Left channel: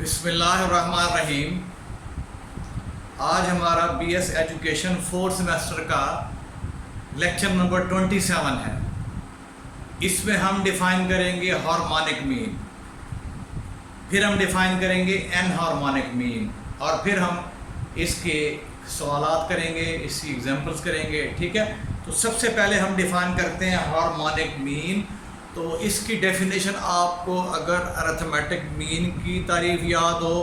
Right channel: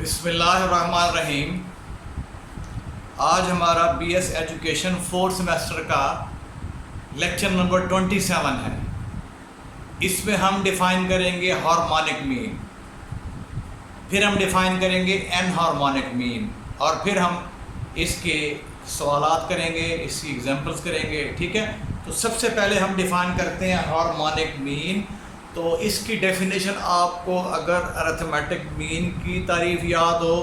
बिस्मिल्लाहिर्रहमानिर्रहीम। आज हमारा बीएस एजुकेशन 4th सेमेस्टर का लेक्चर नंबर 27 है। इसमें हम डिफ़ाइन करेंगे हार्मोनिक मीन, फिर हम डिफ़ाइन करेंगे एन हार्मोनिक मीन, और फिर हम इसके सवालात करेंगे, इसकी एग्जांपल्स करेंगे। ठीक है, तो सबसे पहले हम डिफ़ाइन करते हैं हार्मोनिक मीन। तो इसकी डेफिनेशन आपको अगर अरिथमेटिक मीन की तारीफ़ याद हो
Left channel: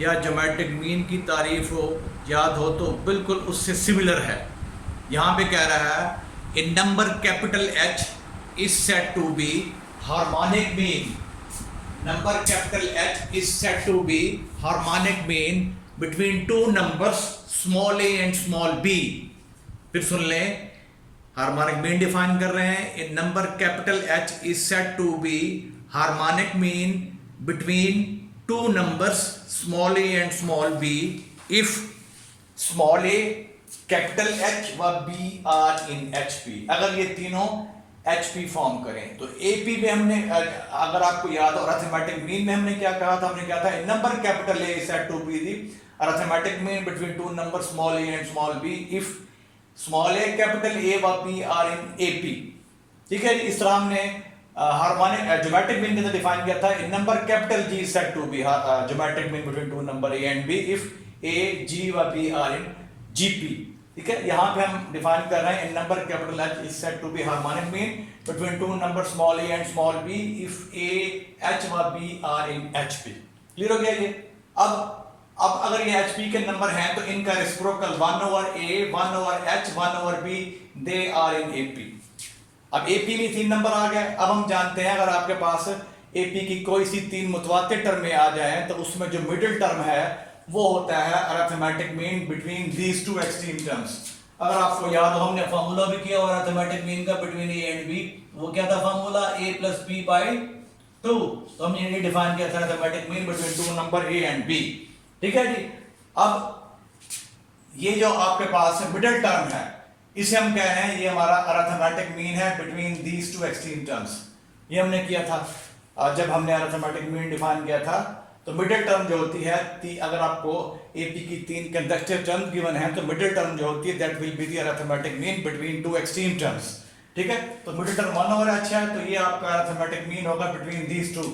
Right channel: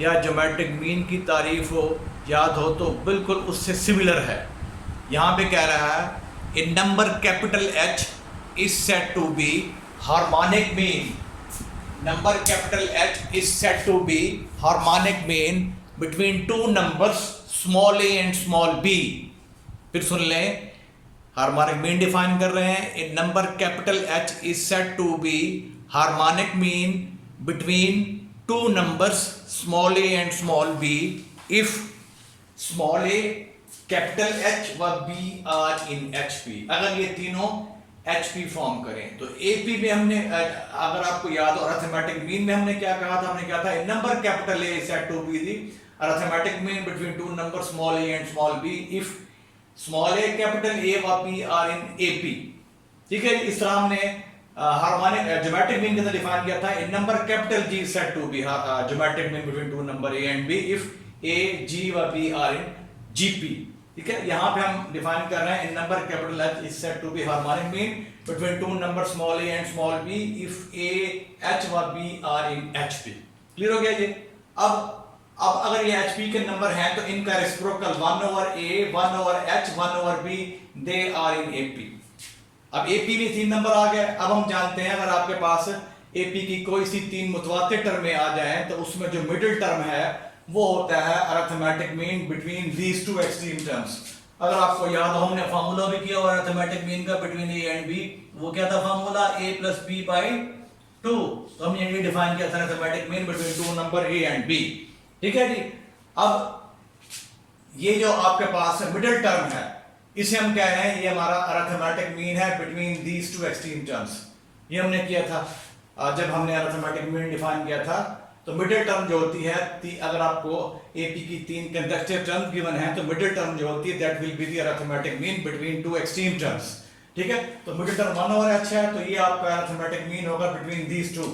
या ज्योमेट्रिक मीन की तारीफ़ हो याद हो तो बिल्कुल उससे सिमिलर है। यहाँ पे कह रहा है in number capital H is said to be harmonic mean. Number capital H is said to be harmonic mean between two numbers small a and small b। फिर सुन लें, हार्मोनिक मीन डिफाइन कर रहे हैं। In number capital H is said to be harmonic mean between two numbers small a and small b if small a capital H व b are in HP। अगर ये तीनों HP form करें तो AP में हमने, अगर आपको याद हो अरिथमेटिक मीन में हमने क्या कहा था, हमने कहा था number capital A is said to be the arithmetic mean between two number small a and small b if small a capital A व B आर इन AP। ठीक है, इस तरह हमने हार्मोनिक ज्योमेट्रिक मीन के साथ डिफाइन किया था। In number capital G is said to be geometric mean between two number A and B if A G व B आर इन GP। ठीक है, यहाँ पे हम डिफाइन कर रहे हैं in number capital H is said to be harmonic mean between two number small a and small b if A H व B are in HP। Clear हो गया ये? अब अगर ये HP के नंबर हैं तो इनका reciprocal 1 over A 1 over H 1 over B they are in AP। अब AP में 3 नंबर आ गए। अब हम जानते हैं अगर आपके पास AP की कोई सी 3 मुतवातिर टर्में आ जाएं तो उसमें जो मिडिल टर्म है वो होता है arithmetic mean between these two extreme terms. अगर आपको याद हो हमने फार्मूला भी किया और अरिथमेटिक मीन का बिटवीन A एंड B, वो क्या था formula A plus B by 2। तो हमने ये डिफाइन किया था arithmetic mean between two number A and B। ठीक है जी। अब ये जो आपके पास मिडिल टर्म है इसे हम कह रहे हैं ये हमारा अरिथमेटिक मीन है between these two extreme terms. ये हमने किया था जब हमने अरिथमेटिक मीन डिफाइन किया था। तो मिडिल टर्म जो होती है, अगर आपको AP की 3 कंसेक्यूटिव टर्म गिवन है तो मिडिल टर्म जो होती है that will be the arithmetic mean between to extreme terms. ठीक है, तो मिडिल टर्म 1 ओवर H है तो ये आपका अरिथमेटिक मीन होगा बिटवीन दीज टू।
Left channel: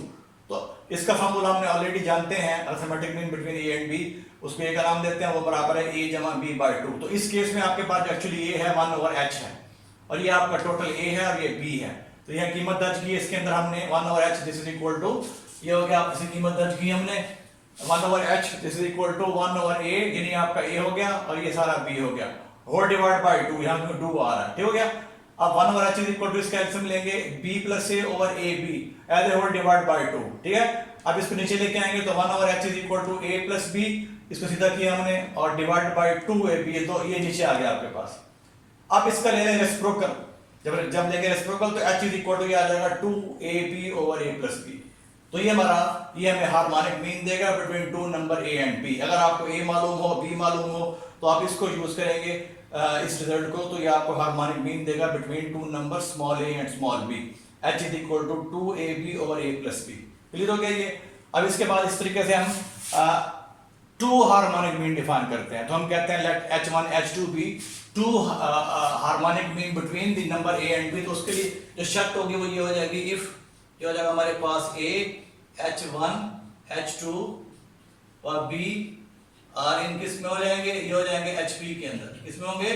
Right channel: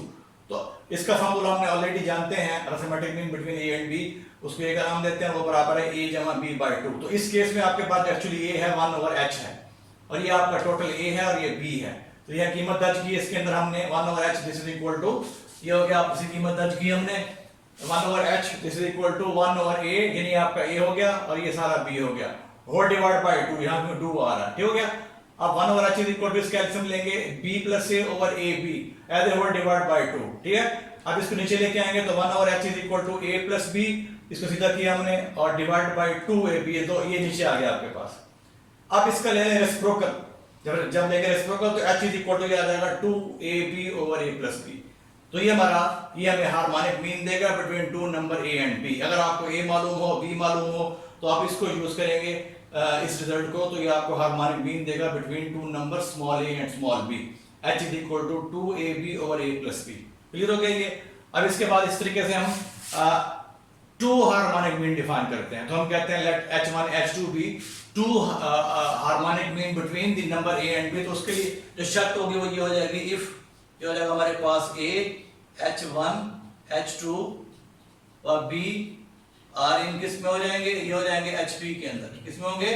तो इसका फार्मूला हमने ऑलरेडी जानते हैं, arithmetic mean between A and B, उसको A का नाम देते हैं, वो बराबर है A जमा B बाई 2। तो इस केस में आपके पास एक्चुअली A है 1 ओवर H है और ये आपका टोटल A है और ये B है। तो यह कीमत दर्ज की, इसके अंदर हमने 1 over H this is equal to, ये हो गया आपकी कीमत दर्ज की हमने 1 over H this is equal to 1 over A, यानी आपका A हो गया और ये सारा B हो गया, होल डिवाइड बाई 2, यहाँ पे 2 आ रहा है। ठीक हो गया। अब 1 over H is equal to इसका एलसीएम लेंगे B plus A over AB as a whole divide by 2। ठीक है, अब इसको नीचे लेके आएंगे तो 1 over H is equal to A plus B, इसको सीधा किया हमने और डिवाइड बाई 2AB, तो ये नीचे आ गया आपके पास। अब इसका ले लें रेसिप्रोकल, जब लेंगे रेसिप्रोकल तो H इज इक्वल टू ये आ जाएगा 2AB over A plus B। तो ये हमें हार्मोनिक मीन देगा between two number A and B। अगर आपको A मालूम हो B मालूम हो तो आप इसको यूज करेंगे इस रिजल्ट को, तो ये आपको हार्मोनिक मीन देगा between two number small a and small b। H is equal to 2AB over A plus B। Clear हो गया ये? अब इसके बाद इस तरीके से हम टू हार्मोनिक मीन डिफाइन करते हैं। तो हम कहते हैं let H1 H2 be two harmonic mean between the number A and B। तो उसके लिए जो शर्त होगी वो ये हो जाएगी, इफ ये हो जाएगा हमारे पास A H1 H2 और B आर इन किस में हो जाएंगे, ये हो जाएंगे HP के अंदर। किसमें होंगे?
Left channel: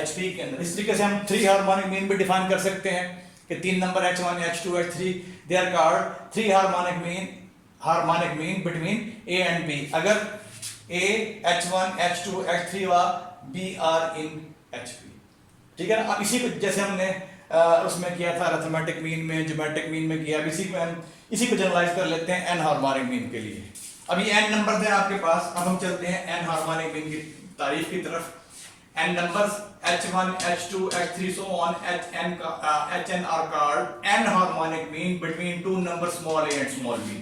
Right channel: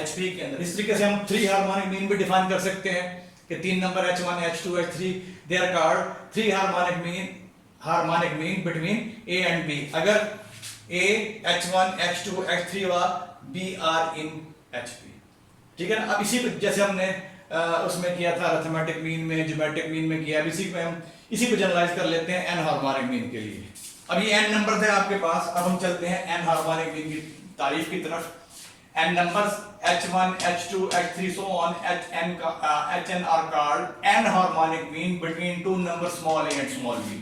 HP के अंदर। इस तरीके से हम 3 हार्मोनिक मीन भी डिफाइन कर सकते हैं कि 3 number H1 H2 H3 they are called 3 harmonic mean between A and B अगर A H1 H2 H3 व B आर इन HP। ठीक है ना। अब इसी को जैसे हमने उसमें किया था अरिथमेटिक मीन में, ज्योमेट्रिक मीन में किया, अब इसी को जनरलाइज कर लेते हैं n हार्मोनिक मीन के लिए। अब ये n नंबर थे आपके पास। अब हम चलते हैं n हार्मोनिक मीन की तारीफ की तरफ। n numbers H1 H2 H3 so on Hn are called n harmonic mean between two numbers small a and small b।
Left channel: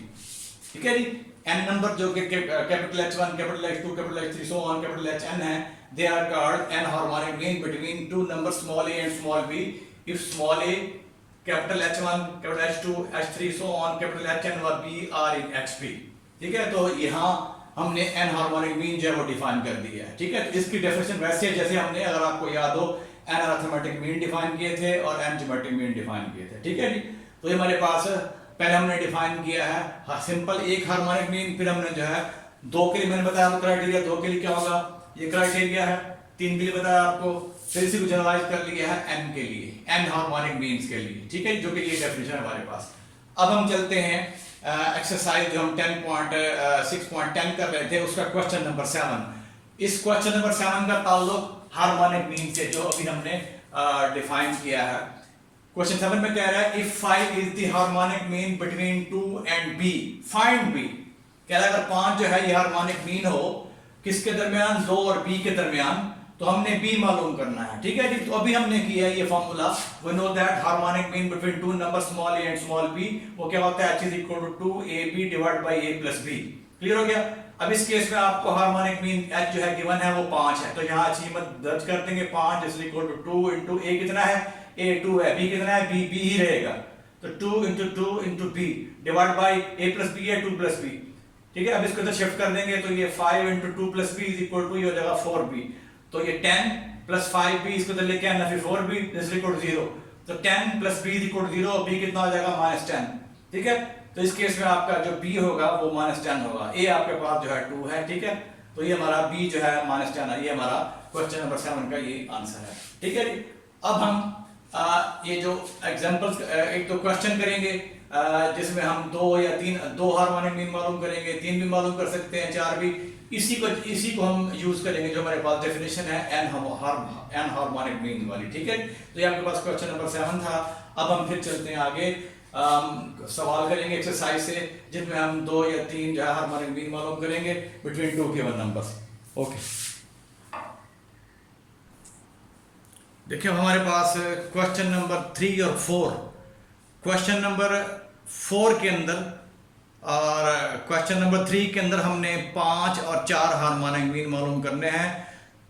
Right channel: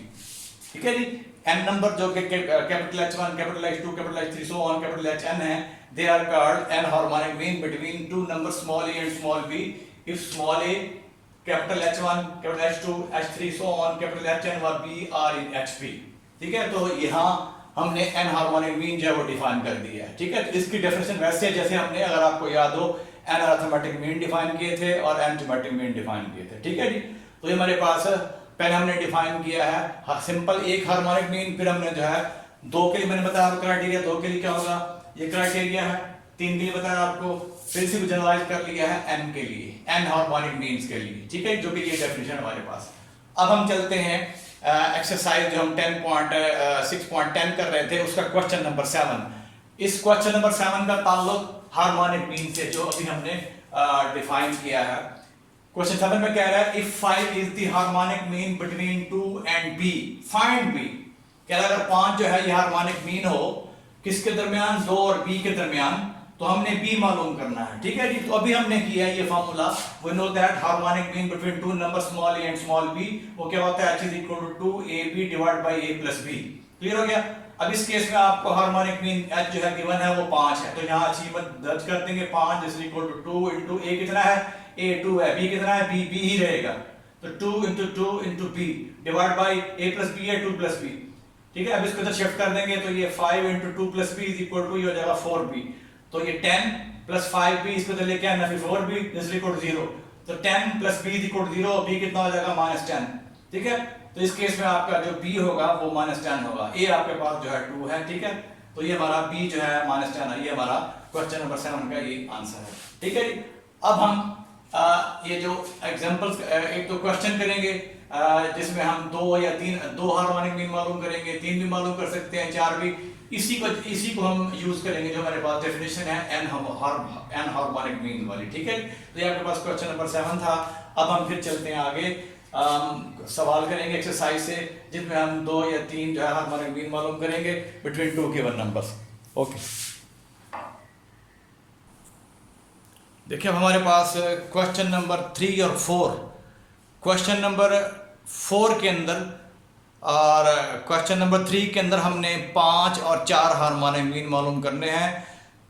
ठीक है जी। n नंबर जो कि capital H1 capital H2 capital H3 so on capital Hn है, they are called n harmonic mean between two numbers small a and small b if small a capital H1 capital H2 H3 so on capital Hn व b are in HP। ठीक है, तो यहाँ हमने N harmonic mean जो है वो define कर दिया है। ठीक है, तो इसकी डेफिनेशन वैसे जैसे हमने, अगर आपको याद हो, एन अरिथमेटिक मीन डिफाइन किए थे और एन थीमेटिक मीन डिफाइन किए थे। ठीक है जी, तो ये हमारे पास पहले हमने डिफाइन किया है सिंपल एक हार्मोनिक मीन, फिर हमने जो है दो के लिए मैंने बताया आपको क्राइटेरिया, दो के लिए क्या होगा, ये क्राइटेरिया है, तीन के लिए बताया आपको, फिर इसी को जनरलाइज कर लिया है एन के लिए, एन हार्मोनिक मीन्स के लिए। ठीक है, जो कि ये डेफिनेशन हमारे पास। अब हम चलते हैं एक्सरसाइज जो हम 6.10 कर रहे थे, उसका क्वेश्चन नंबर 7। इस क्वेश्चन नंबर 7 का ताल्लुक हार्मोनिक मीन से, जो अभी हमने डिफाइन किया है। क्वेश्चन 7 में कह रहा है if 5 is the harmonic mean between 2 and b, find b। कह रहा है अगर 5 जो है ये हार्मोनिक मीन हो किसके दरमियान, 2 और b के दरमियान, तो हमने b मालूम करना है। ठीक है जी, तो अभी हमने किया ये formula, we know that harmonic mean between two number small a and small b, वो क्या होता है, h is equal to 2ab divide by a plus b। Clear हो गया। अब इस केस में आपको हार्मोनिक मीन h जो है गिवन है वो 5 है, तो यहाँ h कीमत दर्ज कर देंगे, 5 is equal to 2 into a कितना है, a 2 है, b कितना है, b ही रहेगा, तो 2 into b divide by a plus b है 2 प्लस b। ठीक है, अब इसको इधर शिफ्ट कर देंगे, तो ये 5 into 2 plus b is equal to, ये हो जाएगा 4b, तो ये 10 प्लस 5b इसको इधर लेके आना, फिर 4b इज इक्वल टू 0, तो 10 plus b is equal to 0, b कितना हो जाएगा -10। ठीक है, तो इस केस में आपका जो b होगा वो -10 होगा, a आपके पास जो है 2 है। ठीक है, तो ये हमारा b जो है -10 है, ये हमारा क्वेश्चन नंबर 7 का ये आंसर है। ठीक है जी, अब हम ये जो एग्जांपल्स एक तो क्वेश्चन करेंगे जिसमें हम 2 या 3, 2 हार्मोनिक मीन मालूम करेंगे, 3 भी मालूम कर सकते हैं, 4 भी, इसी को हम यूज करेंगे जो हमारे पास डेफिनेशन है एन हार्मोनिक मीन वाली। ठीक है, तो ये आपके पास क्वेश्चन नंबर 7 था। अब हम फिर चलते हैं आगे, सवाल करेंगे एक्सरसाइज से जिसमें हम 2 या 3 जो है हार्मोनिक मीन मालूम करेंगे बिटवीन 2 गिवन नंबर्स। ओके, देखिए हमारे पास क्वेश्चन नंबर 3 और 4, क्वेश्चन नंबर 4 के अंदर और क्वेश्चन नंबर 3 के अंदर हमने 5 और 4 हार्मोनिक मीन मालूम करने हैं।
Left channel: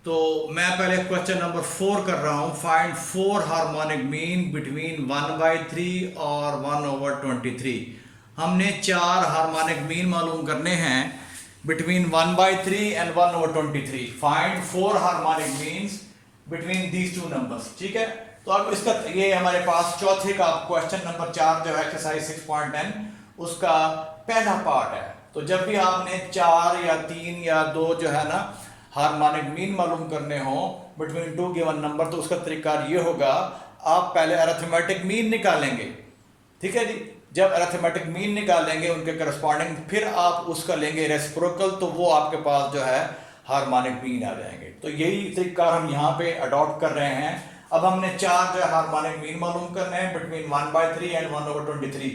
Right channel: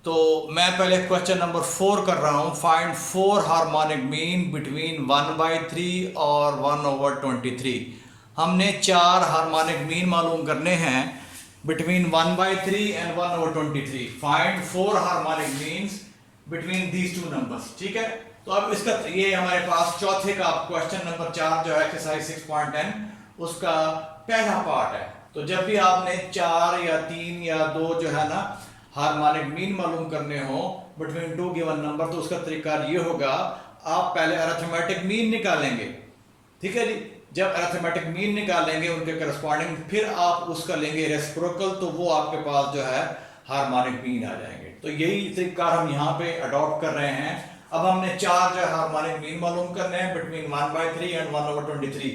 तो मैं पहले क्वेश्चन नंबर 4 कर रहा हूँ, फाइंड 4 हार्मोनिक मीन बिटवीन 1/3 और 1/23। हमने 4 हार्मोनिक मीन मालूम करने हैं between 1/3 and 1/23। Find 4 harmonic means between these two numbers. ठीक है, तो अब इसका ये हमारे पास चौथे का क्वेश्चन नंबर 4 जो है एक्सरसाइज 6.10 उसका पहला पार्ट है। तो जब भी आपने 4 या 3 या 2 जो है ना हार्मोनिक मीन मालूम करने हो बिटवीन 2 गिवन नंबर, तो उसका तरीका ये होगा, आप पहले अरिथमेटिक मीन निकालेंगे। ठीक है जी, जब अरिथमेटिक मीन निकालेंगे उनके करस्पॉन्डिंग, फिर आप उसका लेंगे रेसिप्रोकल, तो वो आपके पास जो है हार्मोनिक मीन आ जाएंगे। तो यही तरीका हम यहाँ पे अडॉप्ट कर रहे हैं। अब हमने 4 जो है हार्मोनिक मीन मालूम करने हैं बिटवीन 1/3 एंड 1/23।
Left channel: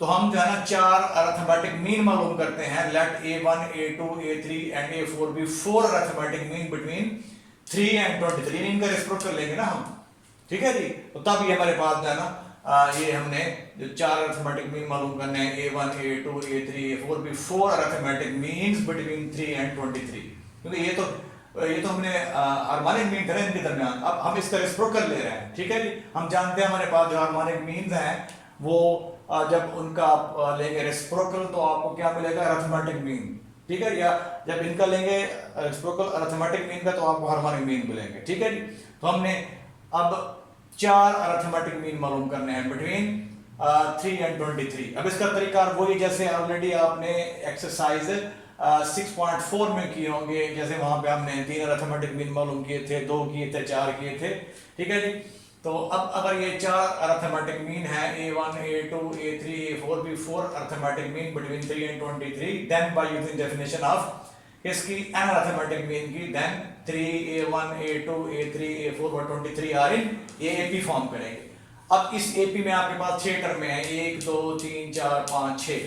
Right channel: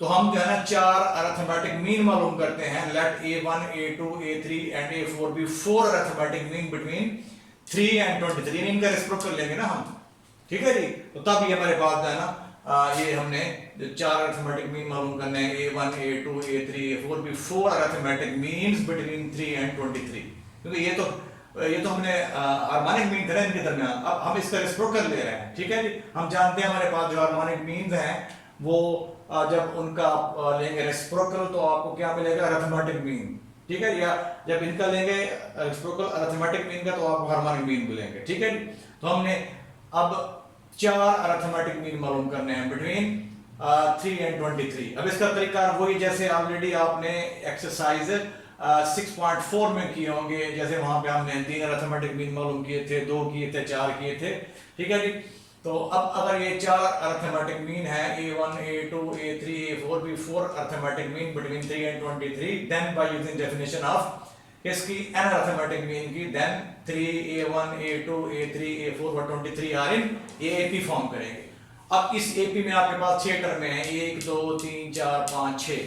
तो हम जो है ना 4 अरिथमेटिक मीन मालूम करते हैं, let a1 a2 a3 and a4 be 4 arithmetic mean between 3 and 23। इनका रेसिप्रोकल लेंगे ना हम। ठीक है जी, तो तब ये हमारे पास जो है ना ये हमने जो 4 अरिथमेटिक मीन मालूम करने हैं, a1 a2 a3 a4 be 4 arithmetic means between 3 and 23, क्योंकि ये तो हमने हार्मोनिक मीन थे ना इनके दरमियान, अब हम इसका रेसिप्रोकल ले रहे हैं। ठीक है जी, हम जानते हैं हमारे पास जो हार्मोनिक मीन्स हैं वो जब उनका लेंगे रेसिप्रोकल तो आपको क्या मिलेगा, अरिथमेटिक मीन। ठीक है, या जब इनका लेंगे रेसिप्रोकल अरिथमेटिक मीन का तो आपको हार्मोनिक मीन मिलेंगे। ठीक है जी, तो हमने अब 4 अरिथमेटिक मीन मालूम करने हैं बिटवीन 3 एंड 23। अब इसका तरीका वही जैसे ऑलरेडी आपने एक्सरसाइज 6.4 में किए होंगे, जैसे वहां पे हमने 3 अरिथमेटिक मीन मालूम किए थे, 2 किए थे, 4 किए थे। ठीक है जी, तो अब अगर ये 4 अरिथमेटिक मीन है, a1 a2 a3 a4 be 4 arithmetic mean between 3 and 23, then by using definition of किसकी, एन अरिथमेटिक मीन की, then 3 a1 a2 a3 a4 और 23 आर इन एपी फॉर्म करेंगे। अब इस एपी में आपके पास 6 टर्में हैं, 1 2 3 4 5 6।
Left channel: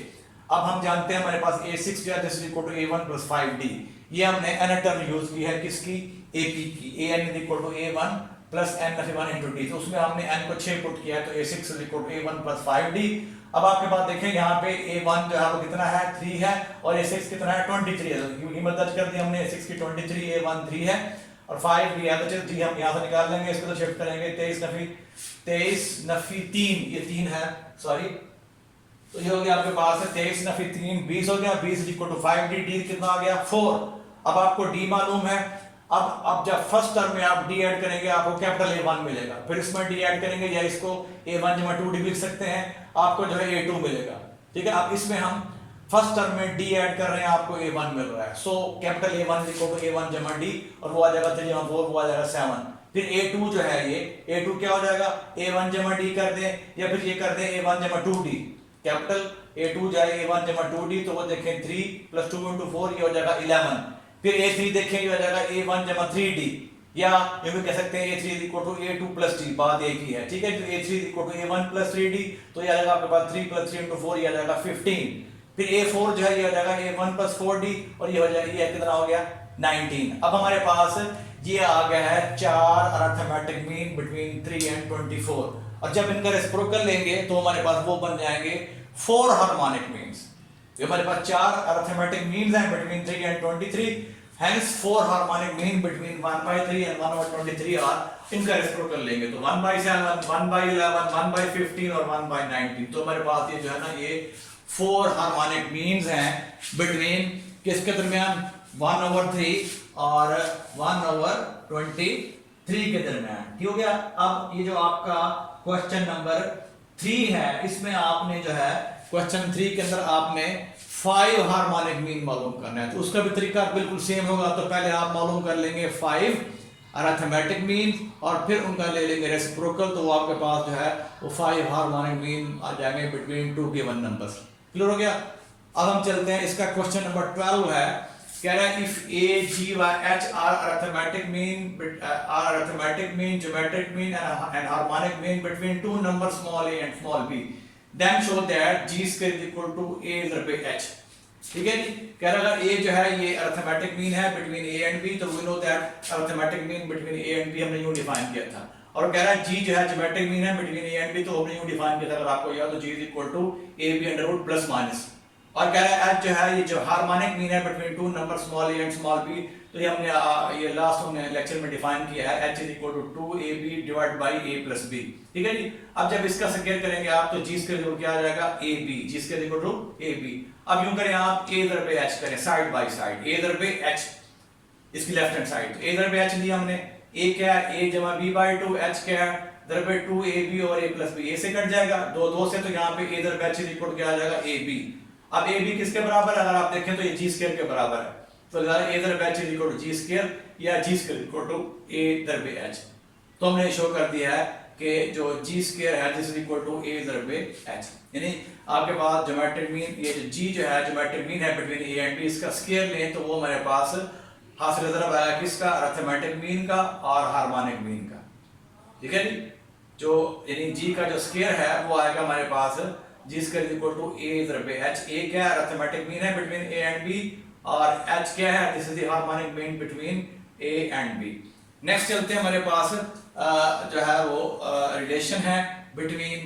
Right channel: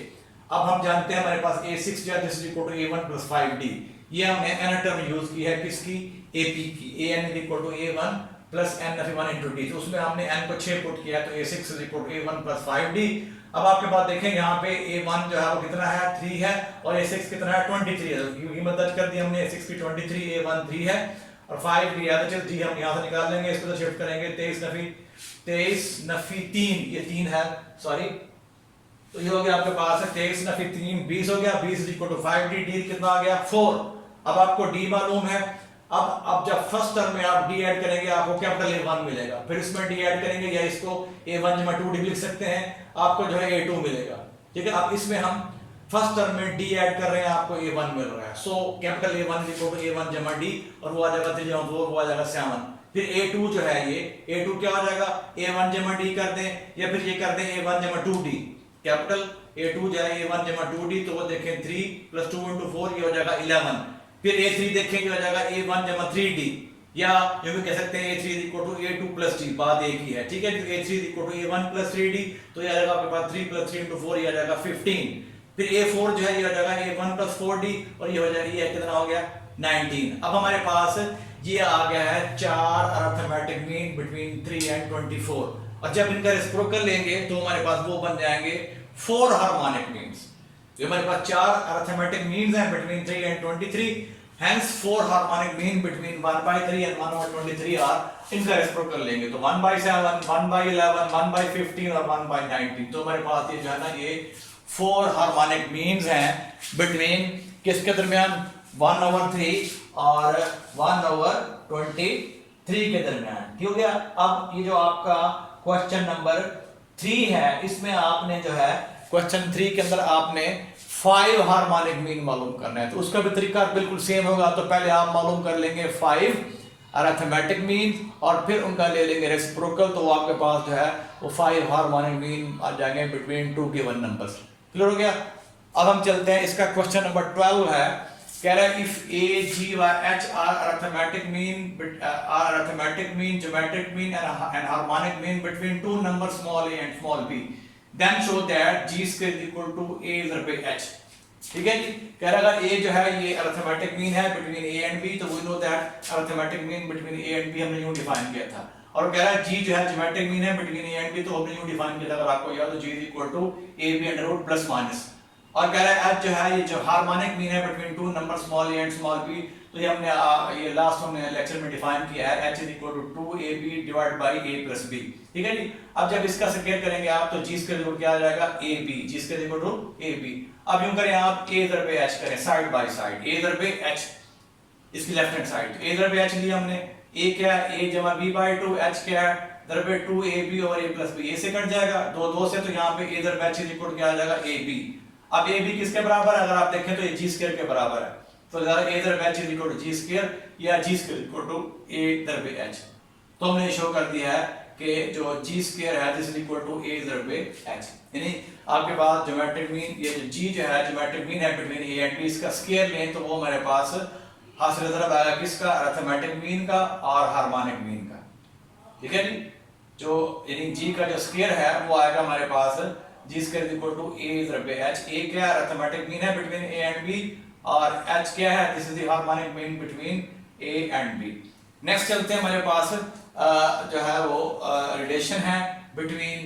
अब हम जानते हैं हमारे पास a6 या this equal to a1 plus 5d, ये हमने n टर्म यूज की है किसकी, ap की, an is equal to a1 plus n f1 into d, तो उसमें हमने n को 6 पुट किया, तो a6 is equal to a1 plus 5d। अब आपके पास देखें यहाँ पे a1 जो है वो कितना है, 3 है, और a6 कितना है, 23 है, क्योंकि मदद कर दी हमने, a6 की 23, a1 3 है और 5 भी है, तो d हम यहाँ से निकाल लेंगे, इसको तो शिफ्ट करेंगे, 23 नफी 3, ये 3 है, सॉरी तो ये हो गया आपके पास 23 ना फिर 3 20 हो गया, 20 is equal to 5d, D कितना आ गया 4। अब आपको d मालूम है, अब जब फर्स्ट टर्म में आप d ऐड करेंगे आपको कैपिटल A1 मिलेगा, फिर इसमें d ऐड करेंगे या इसको A1 जमा 2d लिख सकते हैं, आपको जो है A2 मिलेगा। ठीक है, अब इसमें हम फर्स्ट टर्म में d ऐड कर रहे हैं, आपको A1 मिल रहा है, so capital A1 equal A1 जमा d, और वो आ जाएगा 3 जमा 4 वो आ जाएगा 7। फिर A2 जो है ये A2 क्या हो जाएगा, A1 जमा d कर दें या फिर ये कर दें A1 जमा 2d, कैपिटल A2 जाए A1 जमा 2d, तो वो देखें 3 + 2 × 4 ये हो जाएगा 11। फिर A3 देखें ये हो जाएगा A1 जमा 3d, या जो भी कह सकते हैं A3 = A2 + d, बात एक ही है। ठीक है, A3 = A1 + 3d, तो ये आ जाएगा आपके पास 3 + 3 × 4 ये आ जाएगा 15। फिर A4 जो है ये हो जाएगा A1 + 4d, और ये हो जाएगा, ये कितना हो गया 19। अब हमारे पास ये आ गया है 4 अरिथमेटिक मीन बिटवीन 3 एंड 24, और जब इनका रेसिप्रोकल लेंगे तो हमारे पास वो बन जाएंगे 4 हार्मोनिक मीन्स। तो हमारे पास 4 अरिथमेटिक मीन्स हैं between 3 and 23, hence 4 harmonic mean between 1/3 and 1/23 are. इनका रेसिप्रोकल लेंगे तो 1/7, 1/11, 1/15 और 1/19। तो हमारे पास ये जो है ना ये 4 हार्मोनिक मीन्स हैं बिटवीन किसके दरमियान 1/3 और 1/23 के दरमियान। ठीक हो गया। अब ये जो आपका क्वेश्चन नंबर 3 है, इसमें आपने जो है क्वेश्चन 3 के अंदर आपने 5 हार्मोनिक मीन मालूम करना है, तो उसका भी तरीका बिल्कुल सेम होगा। तो पहले आप मालूम कर लेंगे 5 अरिथमेटिक मीन और फिर उनका ले लेंगे रेसिप्रोकल, तो वो आपके पास जो है वो 5 हार्मोनिक मीन आ जाएंगे बिटवीन 2 गिवन नंबर्स। क्लियर हो गया। अब हम चलते हैं, इसका क्वेश्चन नंबर 12 है, कह रहा है इफ A, G व H are arithmetic mean, geometric mean and harmonic mean between two numbers small a and small b, then show that G square is equal to A / H। ठीक है जी, कह रहा है A जो है ये arithmetic mean है between A and B, तो we know that arithmetic mean between A and B हमने यूं डिफाइन किया था। और कह रहा है G जो है geometric mean है between A and B, तो हमने यूं डिफाइन किया था, अगर आपको याद हो, G is equal to AB √ plus minus. और कह रहा है H जो है ये जो हार्मोनिक मीन है between two number small a and small b, तो ये हमने ये लास्ट हमने लेक्चर में डिफाइन किया है, H = 2ab / a + b। ठीक है जी। अब जब इसका स्क्वायर करेंगे आप तो g स्क्वायर क्या आ जाएगा ab, g स्क्वायर = ab। अब यूं करें आप a / h करें side by side, a / h इसकी left hand side, a / h लिया हमने, a क्या है a = b/2, h क्या है / 2ab और a + b, a से कट जाएगा 2 से, तो यहाँ पे a / h = क्या आ जाएगा ab। अब a b किसके बराबर है, अगर आप देखें तो ये g स्क्वायर के बराबर है, तो a / h = g स्क्वायर या g स्क्वायर = a / h। तो हमने शो कर दिया है कि जो g स्क्वायर है this is equal to a / h, यानी आपके पास ज्योमेट्रिक मीन ये जो g जो है ज्योमेट्रिक मीन है बिटवीन a एंड b, इसका स्क्वायर लें तो वो हमारे पास हासिल ज़रब आएगा किसका, अरिथमेटिक मीन का और हार्मोनिक मीन का। ठीक है जी, जो यानी g का जो स्क्वायर है वो आएगा हमारे पास g square = a / h। a क्या है अरिथमेटिक मीन है बिटवीन a एंड b, और h क्या है this is the harmonic mean between a and b। Next चलते हैं, हमारे पास जो है वो रिलेशन है between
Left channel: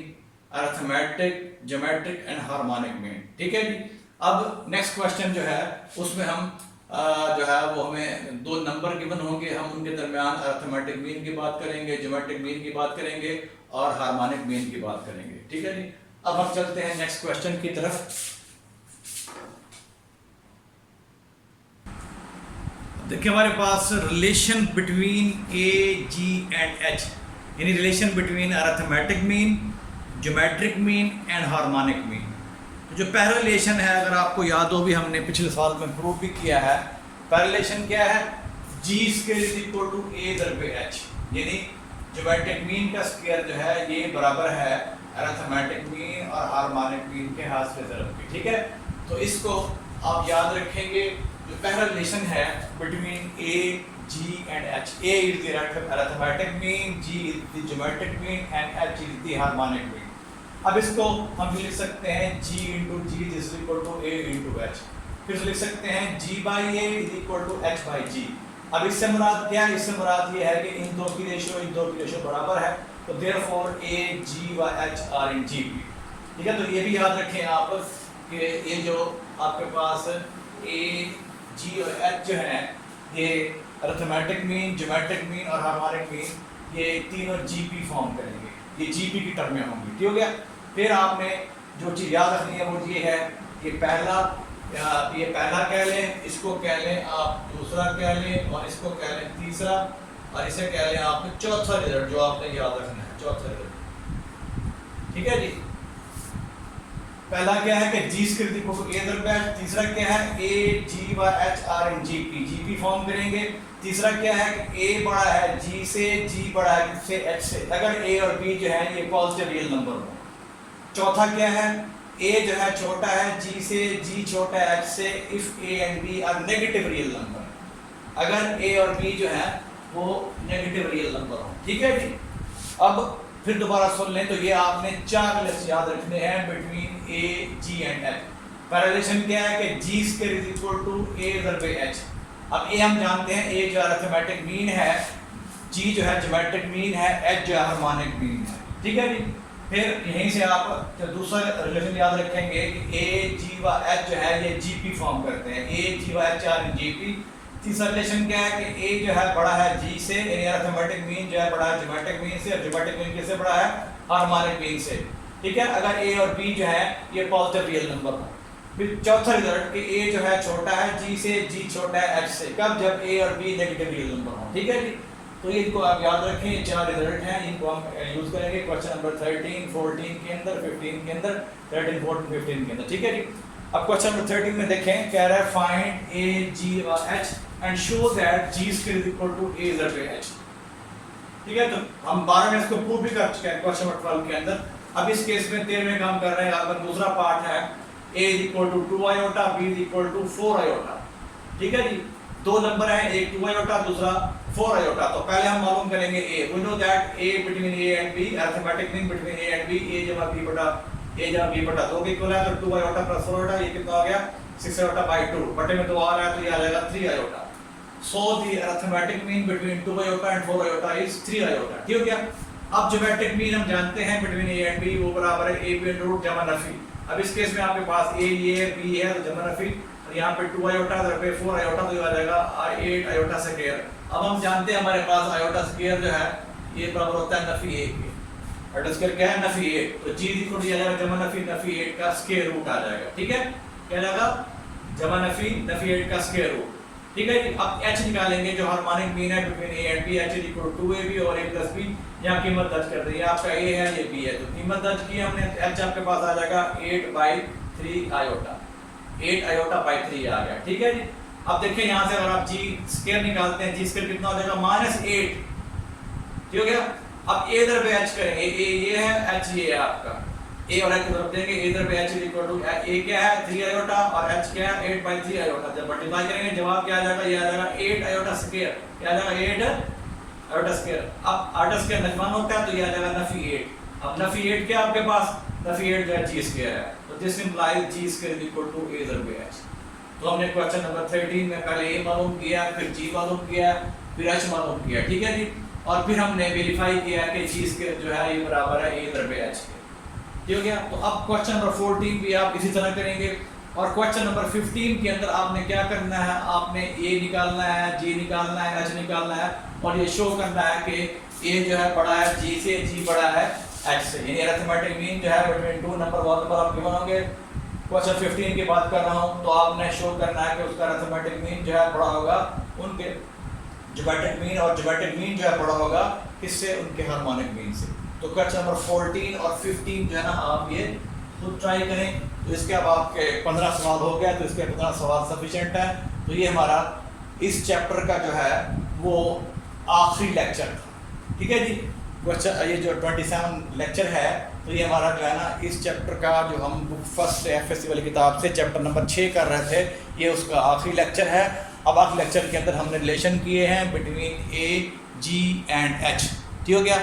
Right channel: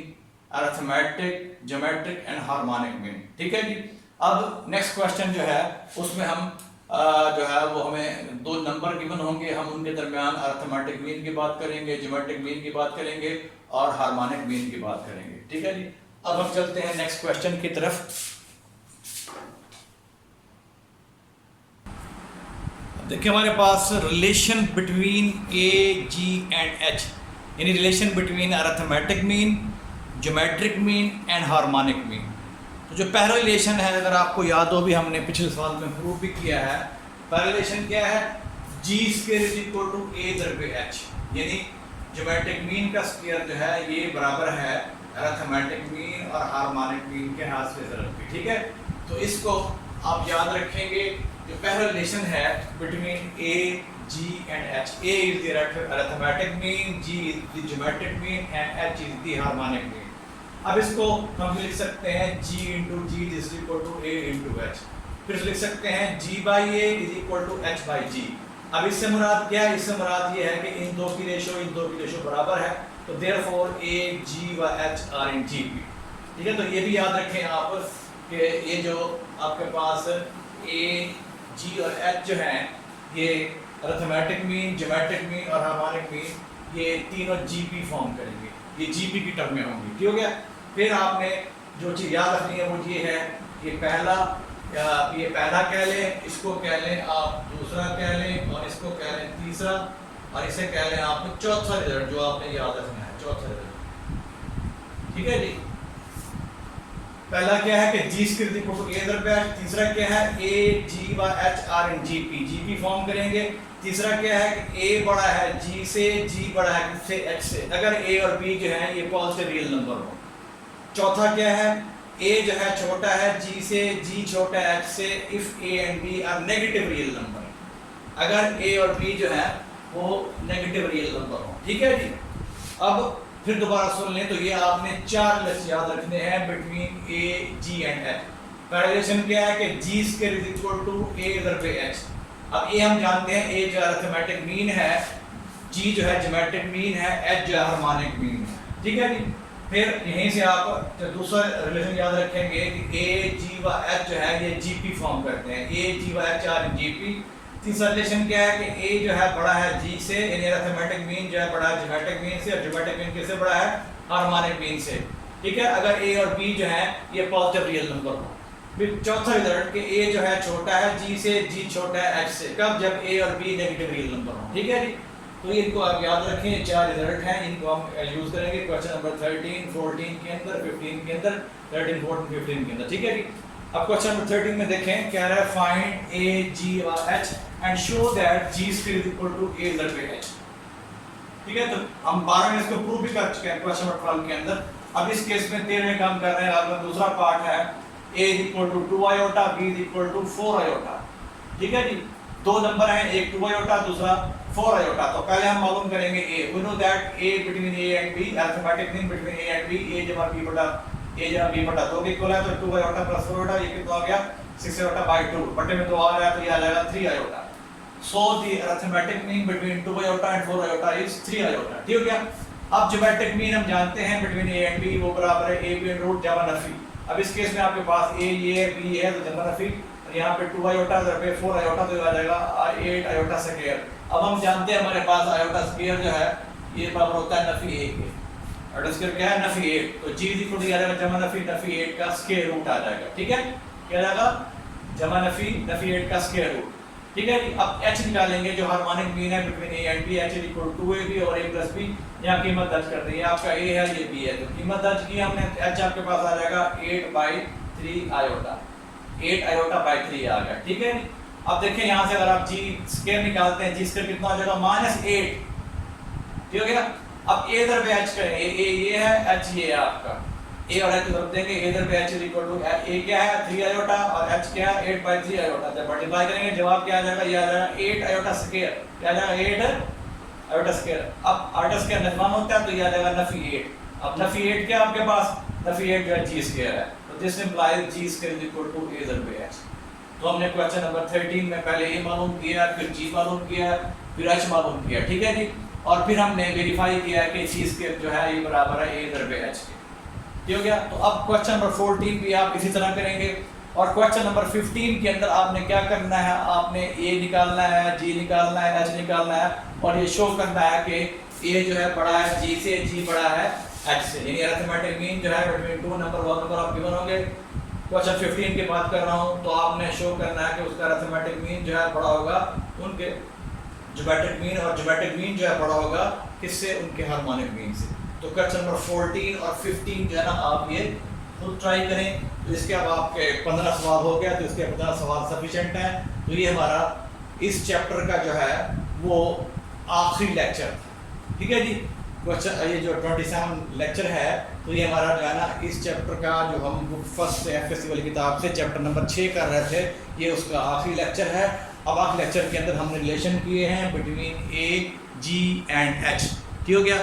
arithmetic, geometric and harmonic mean. ठीक है जी। अब नेक्स्ट क्वेश्चन जो है उसमें हम जो है वो हमें 2 नंबर गिवन होंगे, हम उनके दरमियान अरिथमेटिक मीन की बात करेंगे, ज्योमेट्रिक मीन की बात करेंगे और हार्मोनिक मीन की बात करेंगे। ठीक है जी। अब हम चलते हैं नेक्स्ट क्वेश्चन की तरफ। देखिए हमारे पास relation between A, G and H, यानी relation between arithmetic mean, geometric mean and harmonic mean. तो जो पहला रिलेशन है, अगर आपको याद हो भी हमने पिछले साल में प्रूव भी किया है, पहला रिलेशन क्या है, G स्क्वायर = A / H, यानी ज्योमेट्रिक मीन का स्क्वायर जो है ये बराबर है अरिथमेटिक मीन और हार्मोनिक मीन के हासिल ज़रब की। ठीक है, तो इसको आप याद रखेंगे। जो पहला रिलेशन है between A, G and H, A is the arithmetic mean, G is the geometric mean and H is the harmonic mean। अब इसको हम लिख सकते हैं G × G this is equal to A × H, फिर लिख सकते हैं G/A is equal to H/G। अब इससे मुराद क्या है, इससे मुराद ये है कि इन दो की रेशो बराबर है, तो therefore A, G व H are in GP। ठीक है, तो ये भी याद रखें आप कि ये जो आपके पास A, G और H जो हैं ये अरिथमेटिक मीन, ज्योमेट्रिक मीन और हार्मोनिक मीन ये तीनों GP फॉर्म करेंगे, ये GP की टर्म में होंगी। ठीक हो गया। फिर आपने जो चीज़ याद रखनी है वो ये है कि ये पहला कह लें, इसको कह लें आप दूसरा कह लें, और इसको कह लें तीसरा, और इसे कह लें आप चौथा रिजल्ट जो आपने याद रखना है, चौथा रिजल्ट। ठीक है जी। पहला क्या है कि G square equal to A दर एच, तीसरा क्या है A G by H are in GP, GP form करेंगे। तीसरा क्या है कि ए बड़ा है जी से, जी बड़ा है किससे, एच से, अगर ए और बी जो है ये पॉजिटिव रियल नंबर हो। चौथा क्या है, ए जो है छोटा है जी से, जी छोटा है एच से, if a and b are negative real number, अगर ए और बी जो है वो नेगेटिव रियल नंबर हो। ठीक है जी। अब फिर दोबारा सुन लें, तो ये आपने 4 रिलेशन याद रखने हैं between A G and H. पहला रिलेशन क्या है कि G square is equal to A दर एच। अब ए हम जानते हैं, ए जो अरिथमेटिक मीन है, जी जो है ज्योमेट्रिक मीन है, एच जो है हार्मोनिक मीन है। ठीक है जी। फिर यहीं से आप दूसरा रिलेशन याद रखेंगे कि ए जी व एच जो है ये जीपी फॉर्म करते हैं, ए जी व एच आर इन जीपी। तीसरा रिलेशन क्या है कि ए जो है बड़ा है जी से, यानी अरिथमेटिक मीन जो है बड़ा है ज्योमेट्रिक मीन से, और ज्योमेट्रिक मीन किससे बड़ा है, हार्मोनिक मीन से। ठीक है, अगर ए और बी जो है ये पॉजिटिव रियल नंबर हो। फिर चौथा रिजल्ट कि ए जो है छोटा है जी से, जी छोटा है एच से, कब, जब ए और बी नेगेटिव रियल नंबर हो। ठीक है जी। तो इनको आप याद रखें, 4 रिजल्ट हैं, इनको हम यूज करेंगे क्वेश्चन नंबर 13, 14 के अंदर, 15 के अंदर, 13, 14, 15 के अंदर। ठीक है जी। अब क्वेश्चन नंबर 13 में देखें, कह रहा है फाइंड ए जी व H and show that G square is equal to A दर एच। ठीक है, तो हम 12 में इसको प्रूव भी कर चुके हैं क्वेश्चन नंबर 12 के अंदर। अब इस केस में 13 में काम कर रहे हैं, अगर दूसरा पार्ट है a is equal to 2 iota, b is equal to 4 iota। ठीक है जी। दो नंबर हैं, एक 2 iota दूसरा 4 iota। तो पहले हम मालूम करेंगे a। We know that a between a and b, arithmetic mean between a and b, a जमा b बटा दो के इक्वल है, तो 2 iota प्लस 4 iota ये कितना हो गया, 6 iota by 2, बटे में 2 आ रहा है तो ये आ जाएगा 3 iota। So the arithmetic mean between 2 iota and 4 iota is 3 iota। ठीक हो गया। अब ज्योमेट्रिक मीन हम जानते हैं between a and b वो बराबर है a b रूट जमा नफी। अब इस केस में आपके पास a ये b है तो जमा नफी, तो यहाँ पे 2 आयोटा इधर पे 4 आयोटा, तो ये आ जाएगा 8 आयोटा स्क्वायर। अब हम जानते हैं हमारे पास आयोटा स्क्वायर जो है ये बराबर होता है नफी 1 के। आयोटा स्क्वायर क्या है, नफी 8, तो g इक्वल टू आ जाएगा जमा नफी 8 का स्क्वायर रूट आ जाएगा। ठीक है, क्या जाएगा, जमा नफी 8 का स्क्वायर रूट। ठीक है जी। अब h निकालेंगे जो हार्मोनिक मीन है between a and b, h is equal to ab और a प्लस b। यहाँ कीमत दर्ज कर दी है, आपका a है ये b है, तो कीमत दर्ज की हमने, h आपके पास आ जाएगा 8/3 आयोटा, 8 आयोटा बाई 3 आ गया। ठीक है जी। अब देखिए यहाँ से अगर आप जी स्क्वायर निकालते हैं, जी स्क्वायर कितना हो जाएगा, -8। ठीक हो गया। अब a दर पे h करें, a ये है, h ये है आपका, a और h रख देंगे, a दर पे h इक्वल टू a क्या है 3 आयोटा और h क्या है 8/3 आयोटा। जब मल्टीप्लाई करेंगे जवाब क्या आ जाएगा, ये आ जाएगा 8 आयोटा स्क्वायर, क्या आ जाएगा 8 आयोटा स्क्वायर। अब आयोटा स्क्वायर नफीमान होता है तो ये आ जाएगा नफी 8। अब नफी 8 क्या आपके पास, नफी 8 जो है जी स्क्वायर है, तो this implies G square is equal to a दर पे h। तो हमने क्वेश्चन नंबर 13 में पहले a मालूम किया, फिर g मालूम किया, फिर h मालूम किया। ठीक है जी। और फिर हमने वेरीफाई किया कि जी स्क्वायर जो है ये बराबर है a दर पे h। ठीक हो गया। तो अब क्वेश्चन नंबर 14 भी आप इसी तरह करेंगे, और क्वेश्चन नंबर 15 के अंदर आपने क्या करना है, आपने a निकालना है, g निकालना है, h निकालना है, और ये शो करना है कि a जो है बड़ा है g से, g बड़ा है h से, यानी अरिथमेटिक मीन जो है बिटवीन 2 नंबर 1 नंबर आप गिवन होंगे। क्वेश्चन 15 की बात कर रहा हूँ, तो आपने शो करना है कि उसका अरिथमेटिक मीन जो है बड़ा होगा उनके ज्योमेट्रिक मीन, और ज्योमेट्रिक मीन जो है बड़ा होगा किससे, उनके हार्मोनिक मीन से। तो क्वेश्चन नंबर 14 और 15 जो है ना आप ये खुद ट्राई करें। तो इसके अब आपके 15 सवाल हो गया, तो इसके 15 सवाल सफिशिएंट है। तो ये हमारा इस चैप्टर का जो है वो आखिरी लेक्चर था। ठीक है जी। क्वेश्चन ये जो 27 लेक्चर है, तो ये हमारा जो है ना इस चैप्टर का जो हम बुक फर्स्ट FSC वाली किताब से चैप्टर नंबर 6 कर रहे थे, ये उसका आखिरी लेक्चर है। अब आखिरी लेक्चर के अंदर हमने रिलेशन किए हैं between A, G and H। ठीक हो गया।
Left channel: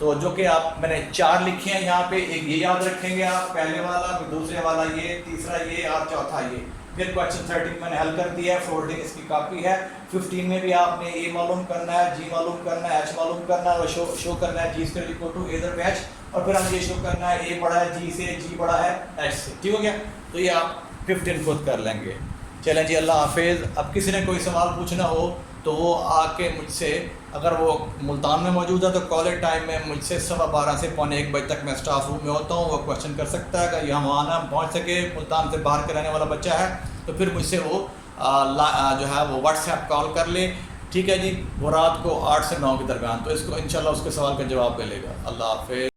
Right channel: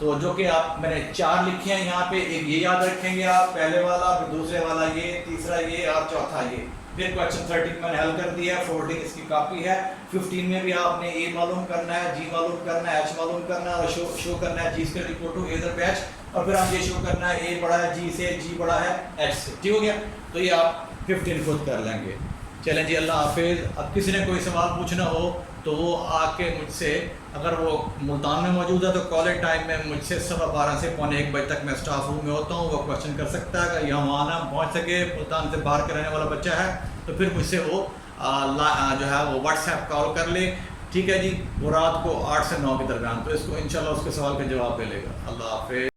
तो जो कि आप मैंने 4 लिखे हैं यहाँ पे, एक ये याद रखेंगे आप, पहले वाला, फिर दूसरे वाला ये, तीसरा ये और चौथा ये। फिर क्वेश्चन 13 मैंने हल कर दिया है, 14 इसकी कॉपी है। 15 में भी आपने A मालूम करना है, G मालूम करना है, H मालूम करना है, और शो करना है जी स्क्वायर इक्वल टू a दर पे h, और फिर हम ये शो करना है A बड़ा है G से, G बड़ा है H से। ठीक हो गया। तो ये आप 15 खुद कर लेंगे। चलें जी, अल्लाह हाफिज़। अब किसी ने कोई सवाल पूछना हो तो वो आके मुझसे, अगर वो मुल्तान में मौजूद है तो कॉलेज टाइम में मुझसे 12:15 से 1:45 बजे तक मैं स्टाफ रूम में होता हूँ। वो क्वेश्चन कर सकता है, अगर यहाँ आना पहुँच सके, मुल्तान से बाहर के रहने वाला बच्चा है तो फिर मुझसे वो जो है वो व्हाट्सएप कॉल कर ले, ठीक है जी। वो रात को 8 से 9 के दरमियान, तो इसको इंशाल्लाह उसके सवाल का जवाब दे लेगा। अल्लाह हाफ़िज़।